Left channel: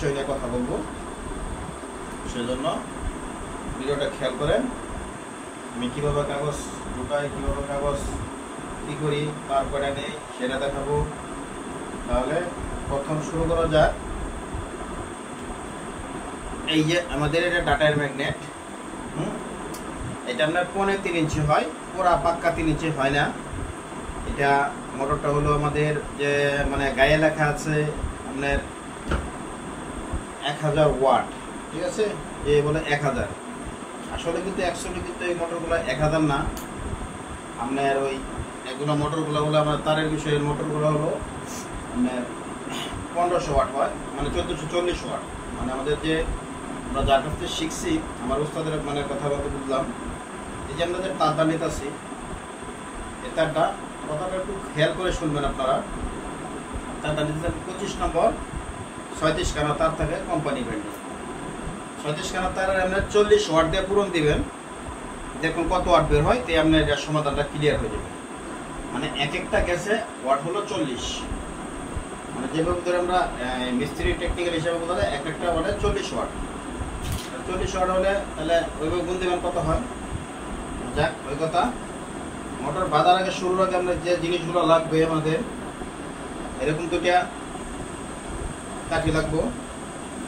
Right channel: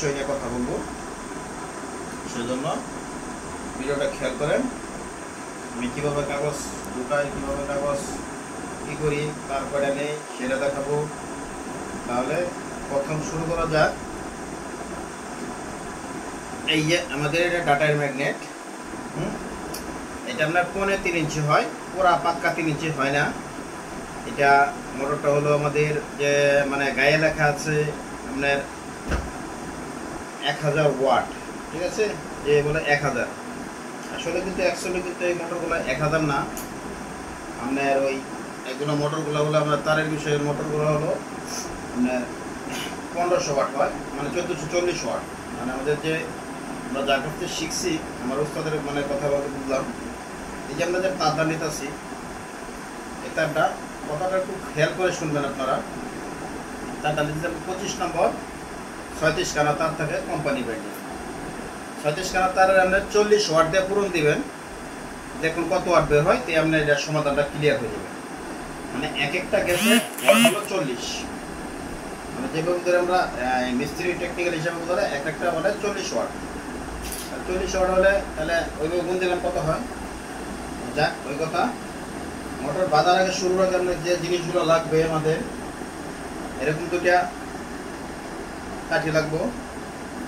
বিষয় নিয়ে কথা বলবো, সেজন্য ভিডিওটা খেয়াল করেন। আমি কীভাবে কাগজ গোটাই, কীভাবে কাগজ কী করি, কার কয়টা নেই সেটা দেখাবো। তাহলে প্রথম শুরু করা যাক। এই যে আমাদের এটা ডাটার ম্যাগনেট, এটা আপনার 3.5 ইঞ্চি হয়, পুরা পাক্কা 3 ইঞ্চি হয় না। এটা মোটরটা হলো আমাদের যে মানে গায়ে লেখা আছে আপনার 1000 ওয়াট, ঠিক আছে, যে বলে 1000। আসলে কিন্তু অ্যাকচুয়ালি কিন্তু এই মোটরগুলো 1000 না। আপনার ওই এগুলো মোটরগুলো হলো আমরা তারের বিষয়ের মোটরগুলো হলো আপনার 1500 ওয়াট হয়, মানে 1440 ওয়াট। মানে আমাদের যে আমরা যার কাছ থেকে শিখছি, আমার উস্তাদের মানে কথা বলতে বুঝলাম। এই যে আমরা যে তারটা নিতেছি, এই তারটা কথাটা একটু খেয়াল করে শুনবেন আপনারা। তারটা নিতে 25 নম্বর 36 কানা তার থাকে কোম্পানি ব্র্যান্ডের। 36 কানা তারের আপনার 40 ওয়াট দিয়ে পূরণ দিবেন, দেখুন কত ওয়াট বের হয়, তাই আপনার এটার সমাধানটা ক্লিয়ার হয়ে যাবে। মানে এক একটা গ্যাসে ওয়াট হলো 40, মানে যেভাবে ধরে আমরা মিস্ত্রি টেকনিক্যাল হিসাবে বলতে এক একটা মানে 40 ওয়াট। 40 ওয়াট হলে তাহলে ওইভাবে গুণ দিবেন কত হয়। যাক, ওই কথা। মোটর বাঁধার আগে শুরুর আগে আমরা যে জিনিসগুলো লাগবে আমাদের, এরকম দুটা কাঠি লাগবো,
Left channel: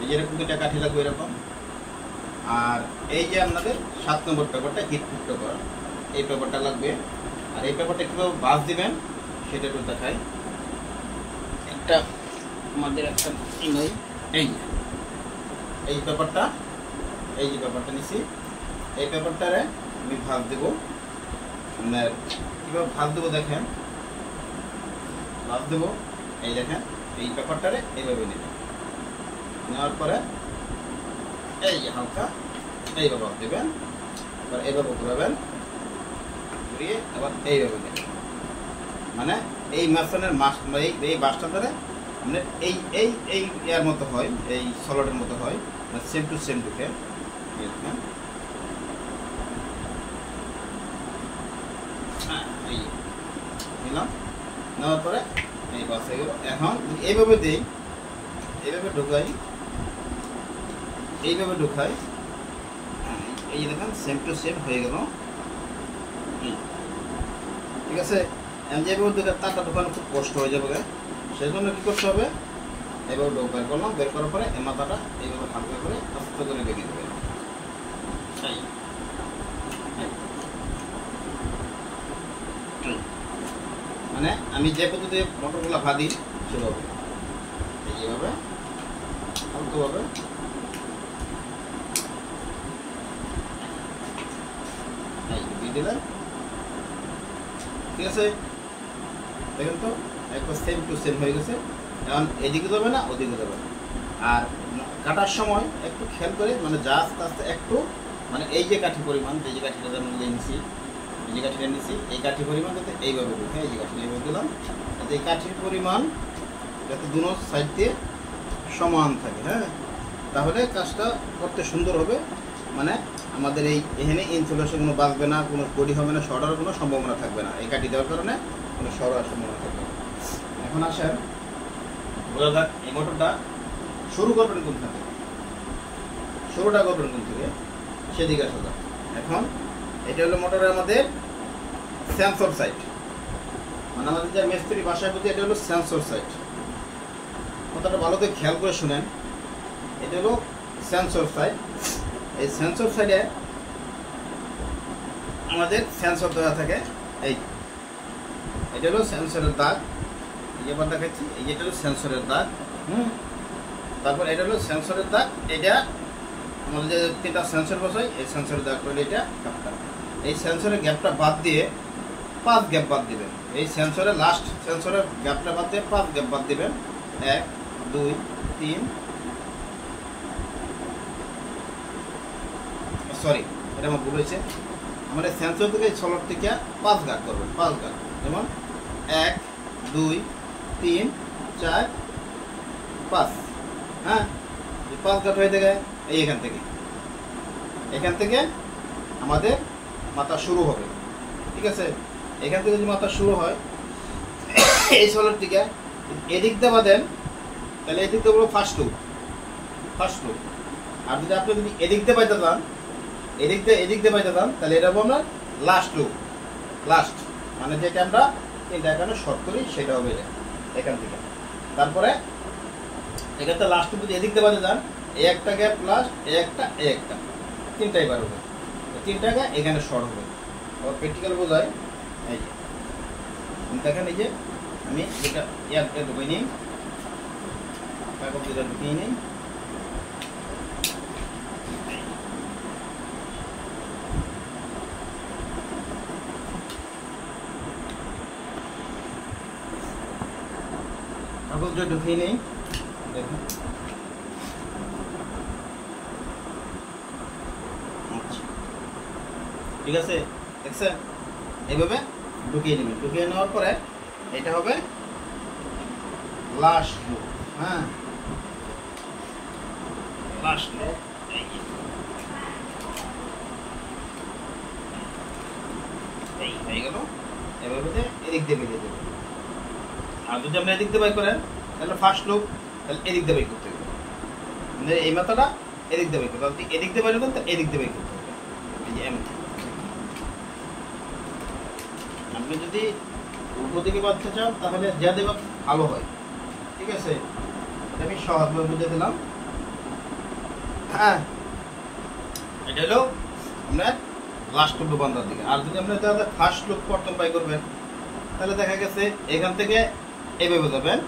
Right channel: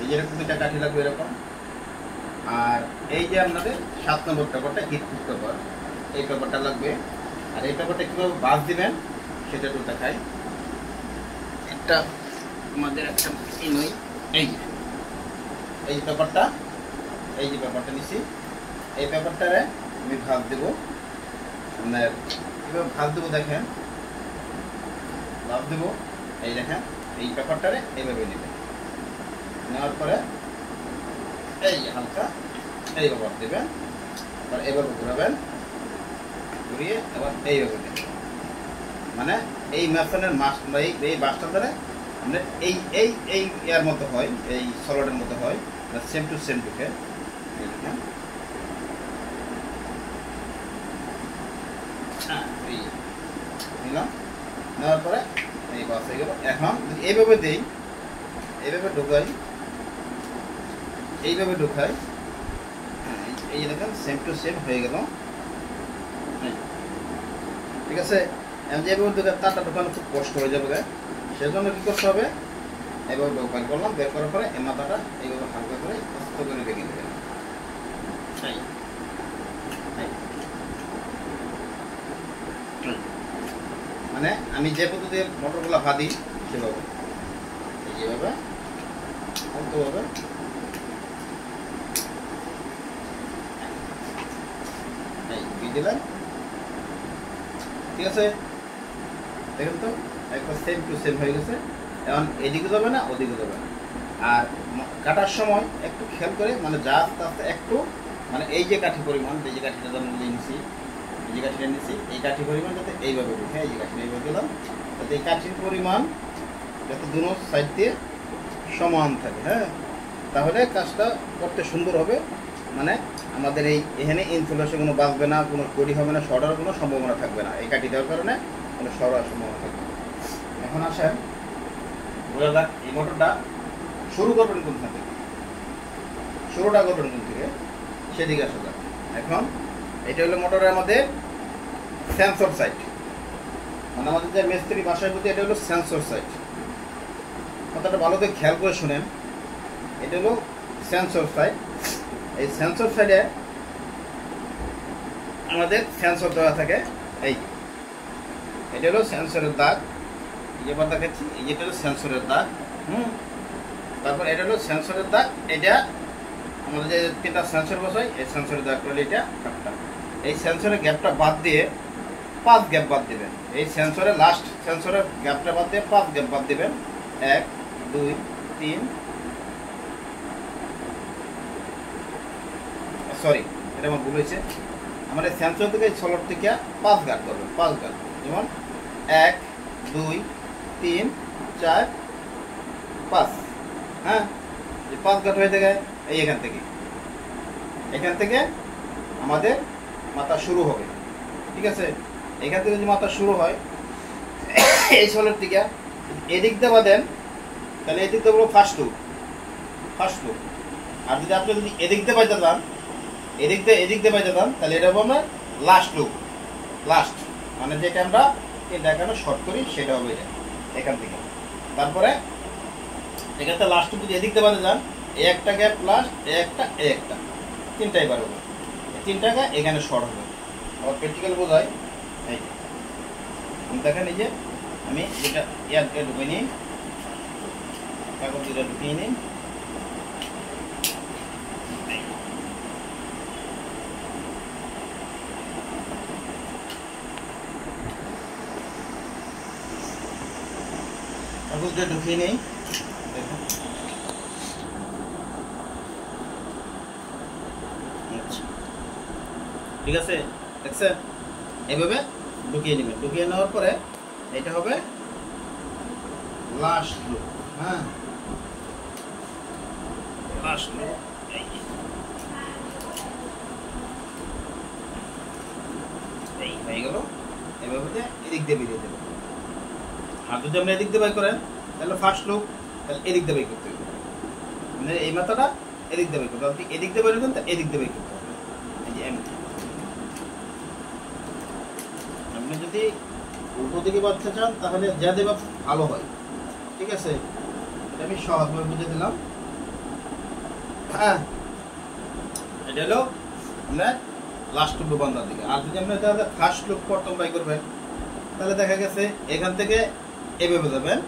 এই যে এরকম দুটা কাঠি লাগবে এরকম। আর এই যে আপনাদের 7 নম্বর পেপারটা, হিট প্রুফ পেপার, এই পেপারটা লাগবে। আর এই পেপারটা কীভাবে বাস দিবেন সেটা একটু দেখাই। একটা আমাদের একটা এই পেপারটা, এই যে পেপারটা নিছি, এই পেপারটারে আমি ভাগ দেবো। আপনার কীভাবে ভাগ দেবো দেখেন, ভাগ দেবো। এই দেখেন, এই পেপারটারে এইভাবে নেবেন, নেওয়ার পরে এই হালকা এইভাবে দেবেন, এবার এইভাবে ঘুরাবেন, ঘুরিয়ে এবার এইভাবে দেবেন। মানে এই ম্যাপসনের মাস এই বাসটা ধরে আপনার এই এই এই ইয়ার মতো হয়, এই সলিডের মতো হয়, সেম টু সেম ঢুকে নিলাম। নেওয়ার পরে এই বাস হয়ে গেল। এখন যদি এইভাবে দিই, এইভাবে ঢুকাই, এইভাবে ঢুকাই, এই যে দেখেন সেম টু সেম হয়ে গেল, ঠিক আছে। যেভাবে তারটা ঢোকানো খুব কষ্ট হয়ে যাবে, সেজন্য কী করতে হবে, এইভাবে বের করলাম, বের করার পরে এই মাথাটা এইভাবে হালকা করে আস্তে করে বেঁকে দেবেন। মানে আমি যে পদ্ধতি মোটরগুলো ভাদি সেভাবে এইভাবে হালকাভাবে দিলেন, ঠিক আছে। দেখেন তো একবার সেম টু সেম হয়ে গেছে। এখন এদিকে যাবে না, ওদিকে যাবে না। আর কাটার সময় একটু খেয়াল করে, মানে যা আস্তে আস্তে একটু, মানে এই যে কাঠি পরিমাণ, এই যে কাঠিটা যেমন নিয়েছি, এই যে কাঠিটা নিয়েছি, এই কাঠি পরিমাণ যাতে এইভাবে ঢুকে, এই যে কাঠিটা এইভাবে দিলাম, যাতে এই কাঠির পরিমাণ যাতে দুনো সাইড দিয়ে সমান থাকে, হ্যাঁ, তাহলে কাজটা করতে সুন্দর হবে। মানে আমাদের এখানে ইনফ্লুয়েন্সে কোনো বাঁচবে না, কোনো বডি হবে না, শর্ট হওয়ার কোনো সম্ভাবনা থাকবে না। এই কাঠি দেওয়ার কারণে কোনো শর্ট হওয়ার সম্ভাবনা থাকবে না। এখন আসেন বোঝা যাক, এই মোটরটা শুরু করবেন কোন থেকে, শুরুটা করবেন কোন থেকে সেদিকে আসা যাক। এখন এটা হলো মোটরের আমাদের সেন্সর সাইট, মানে আমাদের যে মিস্ত্রি বাসায় বলতে এটা হলো সেন্সর সাইট। কথাটা ভালো করে খেয়াল করে শুনেন, এটা হলো সেন্সর সাইট। এই সেন্সর সাইডে আমাদের সেন্সর দেওয়া থাকে। এটা হলো সেন্সরের দাগ, এবার দেখাচ্ছি, এই যেটা হলো সেন্সরের দাগ। তারপর এটা হলো সেন্সরের দাগ, এটা আমাদের যে 3টা সেন্সর বসাই, এই সেন্সরের দাগটা হলো এটা। এই সেন্সরের গ্যাপটা বাদ দিয়ে 5 গ্যাপ বাদ দিবেন। এই সেন্সরের লাস্ট সেন্সরের গ্যাপটা বাদ দিয়ে 5 গ্যাপ বাদ দিবেন। 1 2 3, সরি এটা আমার ভুল হয়েছে। আমার এই সেন্সর থেকে সলট থেকে 5 গাঁট করবেন, 5 গাঁট, যেমন 1 2 3 4 5, হ্যাঁ, এই 5 গাঁট হয়ে থাকে। এই এখান থেকে আমাদের মাথা শুরু হবে, ঠিক আছে। এখান থেকে যদি মাথা শুরু হয় এই সলট থেকে এদিক দিয়ে বাঁধেন, তাহলে এদিক দিয়ে বলবো ফার্স্ট টু, ফার্স্ট লুপ। আর যদি আপনি যদি এদিক দিয়ে পাইতে চান, এদিক দিয়ে পাইতে চান, তাহলে এটা হবে আমরা লাস্ট লুপ। লাস্ট মানে যেটা আমরা তিনটা এখানে শর্ট করি সেটা হবে এটা এখান থেকে। তারপরে এখান থেকে লাস্ট লুপ যদি এদিক দিয়ে পাইতে চান, এই একটা গ্যাপ প্লাস এই একটা তিনটাই বার হবে। তিনটাকে এখানে শর্ট হবে। আবার প্র্যাকটিক্যাল বোঝায় এই যে দেখেন, এই যে আমি যেটা ঢুকিয়ে নিই, কাগজ যেটা ঢুকিয়ে নিই, কাগজটা ঢুকিয়ে নিই, দেখুন ঠিক আছে, দেখছেন? এভাবে ঢুকিয়ে নেবেন। ঢুকিয়ে নেওয়ার পরে এটা হবে লাস্ট লুপ। হ্যাঁ, লাস্ট লুপ এই হয়ে গেল। এভাবে এদিক দিয়ে বেরিয়ে দেবো। আর যদি আমরা এদিক দিয়ে বাই করেন তাহলে ফার্স্ট লুপ, তাহলে এদিক দিয়ে বাই করতে হবে। মানে এই মাথাটা এদিক দিয়ে বাই করতে হবে। এদিক দিয়ে বাই করতে এদিক দিয়ে বাই করতে হবে। এই যে আপনি যদি উল্টো দিকে বাঁধতে চান তাহলে যা দেবা ভালো হয়। ঠিক আছে, আমি সহজভাবে বুঝে দিলাম। হ্যাঁ, এটা হলো আপনার লাস্ট লুপ বান্ধার দিকে। আর যদি আপনি তাহলে ফার্স্ট লুপ প্রথম বাই করবেন, তাহলে দেখা গেছে এখান থেকে এভাবে যাবেন,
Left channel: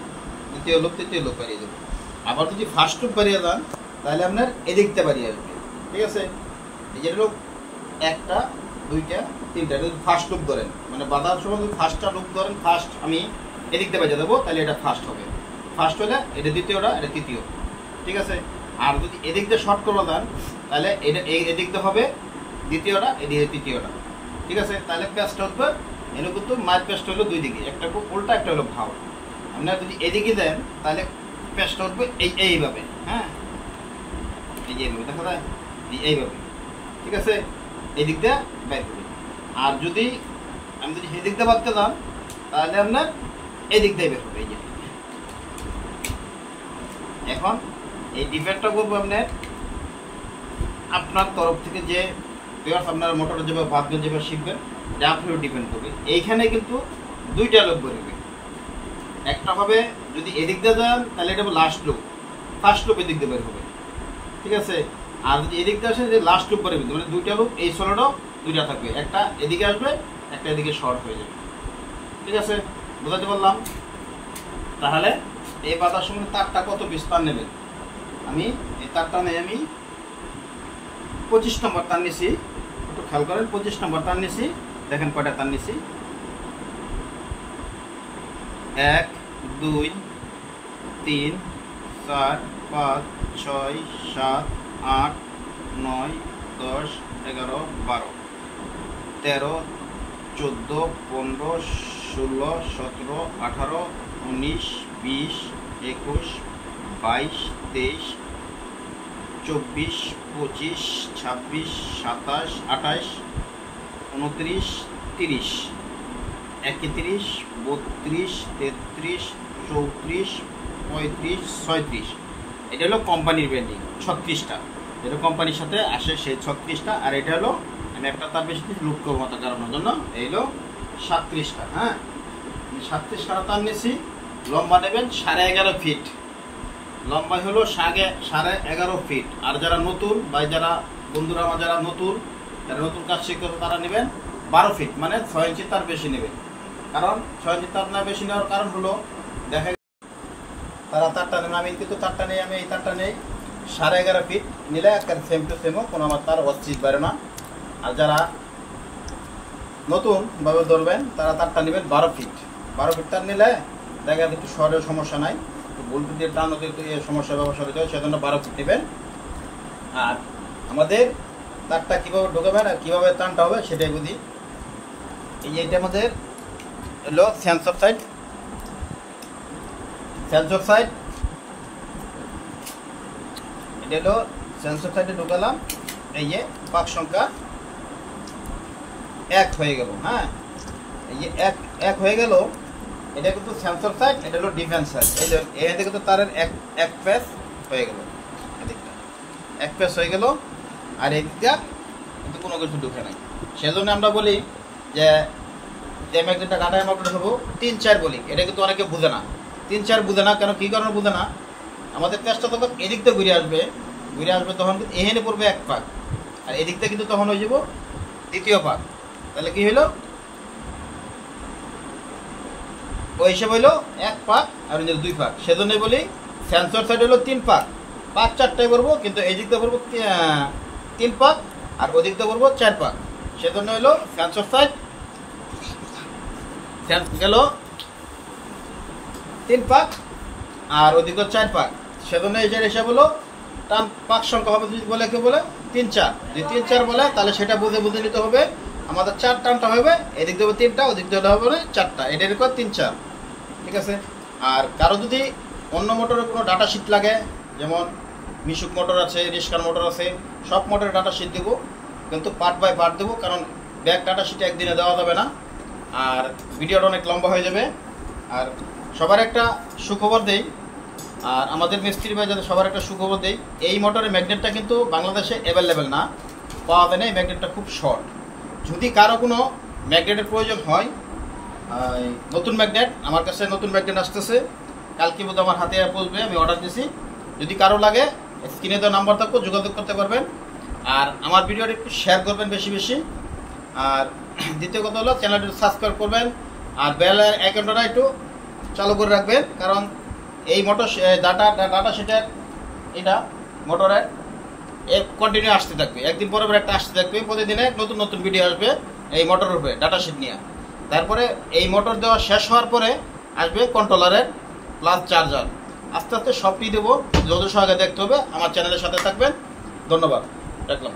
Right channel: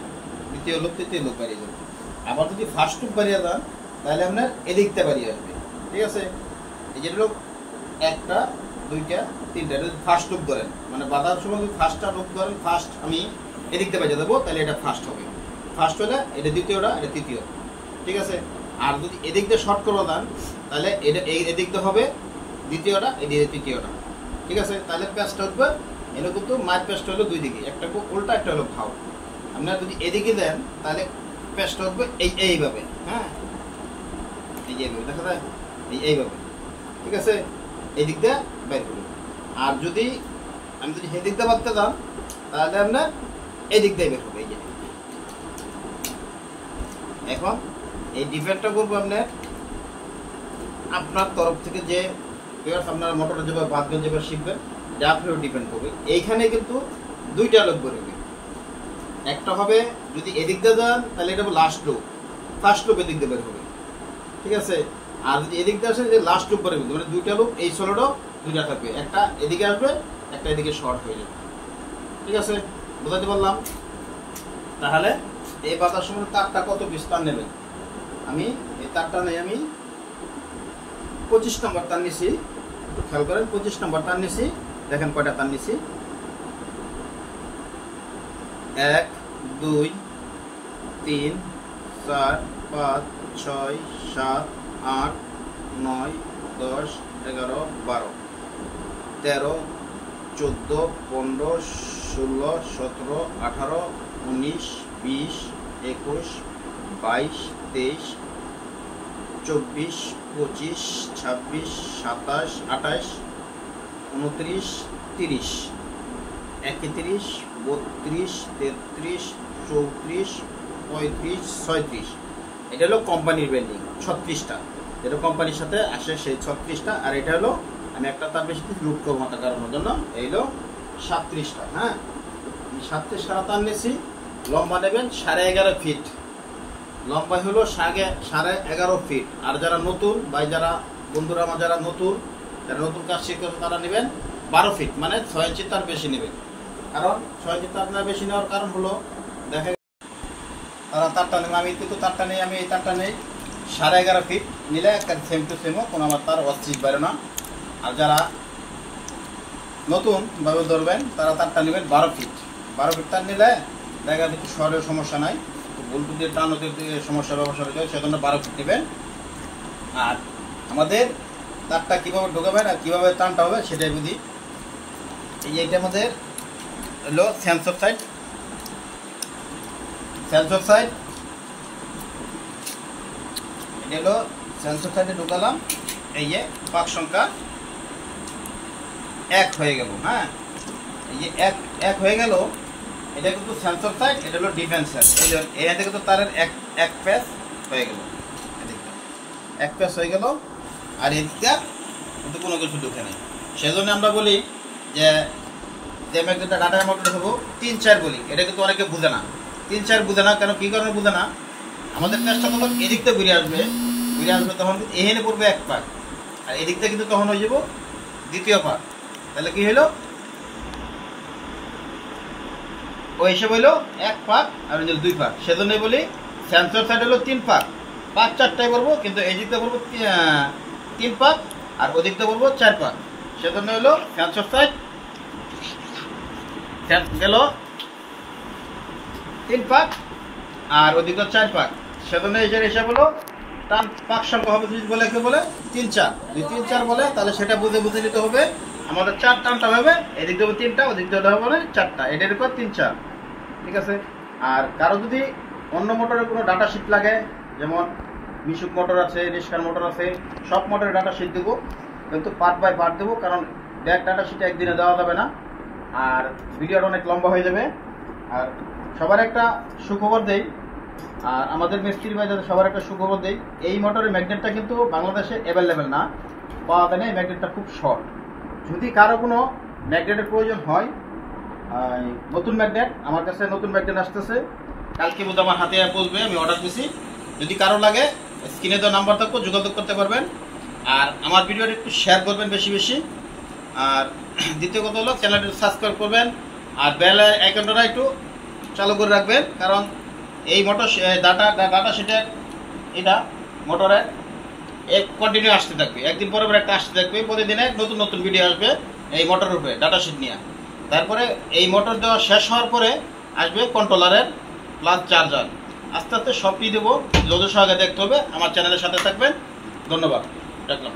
দ্বিতীয় লুপ তৃতীয় লুপ বাড়িয়ে যাবেন। আবার যদি ফার্স্ট লুপ বাড়িয়ে যান তাহলে আপনার এদিকটা বাড়িয়ে আসবে। ঠিক আছে, এই যে লোক একটা দুইটা তিনটা, যদি ফার্স্ট লুপ ধরেন মানে বাঁধার সময় যদি ফার্স্টটা লুপ ধরেন, ফার্স্ট আমি এদিকটা বাজিয়ে দেবো, তাহলে এটা ফার্স্ট হবে। ফার্স্ট হলে এটা দ্বিতীয়টা, এটা তৃতীয়। ঠিক আছে, আর যদি এদিক দিয়ে শর্ট করে দেন তাহলে এটা এদিক দিয়ে হবে দ্বিতীয়টা, এদিকে তৃতীয়টা। ঠিক আছে, তাহলে পেস্টটা উঠবে। এর কিন্তু মার পেস্ট হলো দুই দিকে, একটা উল্টা একটা হলো ভাও। আপনারা যদি এদিকে দেন তাহলে পেস্টটা উঠবে এইভাবে। হ্যাঁ, এই যে এইভাবে দেখা যায়, এইভাবে। ঠিক আছে, এই দিক দিয়ে বের করি। আর যদি আমি যদি সেদিক দিয়ে বাঁধতে যান তাহলে আপনার এদিক দিয়ে বের হবে। এই যে এখন এই ডিফেক্টটা করবো আপনার তরফ থেকে, যে আপনার মোটরে যেভাবে বাঁধবেন, যেভাবে শিখবেন, যা আপনার ডিপেন্ড করবে। এইখানে কিন্তু দুইটা লোক বেরোবে। একটা হবে যদি এদিক দিয়ে যান তাহলে এটা হবে লাস্ট লুপ, ফার্স্ট লুপ এদিক দিয়ে বের হবে। ঠিক আছে, আর যদি এদিক দিয়ে আসে যে লাস্ট লুপ বেরোবে, মানে দুইটা লুপ এই সোলোটাও দুইটা থাকবে, একটা এদিকে আসবে, একটা এদিকে শর্ট হয়ে যাবে। ঠিক আছে, বোঝাতে পারলাম? তাহলে এই বাতার সময় তারটা কত বিস্তার নেবেন? আমি এই তারটা নেই, আমি 25 নম্বর তার নিছি। একটু খেয়াল করেন, 25 নম্বর তার নিছি। দেখেন কয়টা তার নিছি, 1 2 3 4 5 6 7 8 9 10 11 12 13 14 15 16 17 18 19 20 21 22 23 24 25 26 27 28 29 30 31 32 33 34 35 36। এটা হলো কোম্পানির ব্র্যান্ডিং 36টা, এটা কোম্পানির সাথে আসে সেই 36টা। আর এটা হলো আমি একটা তার বেশি লুপ করবো মাথা কারণের জন্য, এই হলো 37টা। হ্যাঁ, আমি 37 কাটা তার নিয়েছি। লম্বা নেবেন 11.5 ফিট, লম্বা হলো 11.5 ফিট। আর যারা নতুন বা যারা বন্ধুরা আমার যারা নতুন কাজ শিখতে তারা নেবেন 12 ফিট, মানে 6 ইঞ্চি তার বেশি নেবেন। কারণ 6 ইঞ্চি তার না বেশি নেওয়ার কারণ হলো দেখা তারা তারটা নেবে, আমি কিন্তু তারটা নেই, আমি এই তারটা নেই 11.5 ফিট নিলে একটা সেম টু সেমও কোনো আমার তার অস্থির পারে না। আর যারা নতুন ভাবে ধরবেন তারা তারটা নেবেন 12 ফিট। 12 ফিট তার নিলে দেখা কিছু শহরের সমস্যা নাই, বল্টু দিয়ে টান সমস্যা ব্যবসা হতে হয়, সেজন্য 12 ফিট নেবেন। আর আমাদের তারটা কীভাবে ঢোকাবেন আর কীভাবে টানটা হবে সেটাই বুঝি। এই যে এটা আমাদের হলো সেন্সর সাইড, এটা হলো সেন্সর সাইডে ঢোকালাম। এই যে পাক সংখ্যা 1 হয়ে গেল। হ্যাঁ, এই যে 1 হয়ে গেল, এটা কিন্তু সেন্সর সাইড, এটা হলো ডিফেন্স সাইড। এই যে এখান থেকে তো তারের এক পেস হয়ে গেল। এক পেস হয়ে গেল, আর এদিকটা কিন্তু কোনো কিছু ঢুকে নেই। সেজন্য আমরা বলি যে ম্যাগনেটটা ডাটা মোটর হবো 3-4 বলি। এটা কিন্তু অনেকে বুঝে না, 3-4 বুঝে না। কেন, কী কারণে বুঝে না? আমাদের পেঁচটা তখন এদিকটা ঘুরে আসবে তখন কিন্তু এখানে পড়বে এক পাক, আর এদিকটা কিন্তু তখন হয়ে যাব দ্বিতীয় পাক। তাহলে কি হইলো? ওই হিসেবে হইলো এক পাক আর 2 পাক। সেজন্যই বলি সেন্সর সাইড হলো 3 পাক, 5-4টায় করবো, কিন্তু এই দিকটা করবো 3 পাক আর ওই দিকটা করবো 4 পাক। সেজন্য হলো সেন্সর সাইড গেল 3 পাক আর ওই দিকটা 4 পাক। সেজন্য এই যে হিসাব হলো টান পাক সংখ্যা হবে, যদি বলে কেউ বলে 3-4, যদি 3-4 বলে তাহলে সেটা বুঝে নিতে হবে আমাদের 4 টানটা হবে, এদিক দেবো 3টা, ওদিক দেওয়া হবে 4টা, এটা এরকম 3-4। ঠিক আছে। আর কারো যদি অন্য মোটরের কোনো ডাটা শিট লাগে, যেমন মিশুক মোটর আছে, রিস্কার মোটর আছে, সব মোটরের ডাটা শিট দেবো, কিন্তু পার্ট বাই পার্ট দেবো, কারণ ব্যাক ডাটা শিটে একদিনে দেওয়া যাবে না, আর ভিডিওটা অনেক লম্বা হয়ে যাবে। আর সবার একটা সুখবর দেই, আর আমাদের মিস্ত্রি ভাই যাতে সবার একটা সুখবর দেই, এই মোটরের ম্যাগনেটটা কিন্তু বাংলাদেশে অ্যাভেলেবেল না, পাওয়া যায় না। এই ম্যাগনেটটা খুব শর্ট। যদি কারো কোনো ম্যাগনেটের প্রয়োজন হয়, নতুন ম্যাগনেট আমার কাছে নতুন ম্যাগনেট আসতেছে, কালকে বোধ আমার হাতে পৌঁছবে, আমি অর্ডার দিছি। যদি কারো লাগে স্ক্রিনে দেওয়া নাম্বার থাকবো, যোগাযোগ করতে পারবেন। আর আমার ভিডিওটা একটু শেয়ার করবেন বেশি বেশি। আর দ্বিতীয় কথা হলো চ্যানেলটা সাবস্ক্রাইব করবেন, আর বেল আইকনটা একটু চালু করে রাখবেন, কারণ এই মোটর ডাটা সেটা এটা মোটরে কন্টিনিউ আসতে থাকবে, একদিন পরে পরে একটা আসতে থাকবে, প্রতিদিনে নতুন নতুন ভিডিও আসবে এই মোটরের উপরে ডাটা শিট নিয়ে। তারপরে এই মোটর দেওয়া শেষ হওয়ার পরে আসবে কন্ট্রোলারের প্লাস চার্জার। আস্তে আস্তে সবটি দেবো, যত সহজে দেখতে হবে। আমার চ্যানেলের সাথে থাকবেন। ধন্যবাদ, রাখলাম।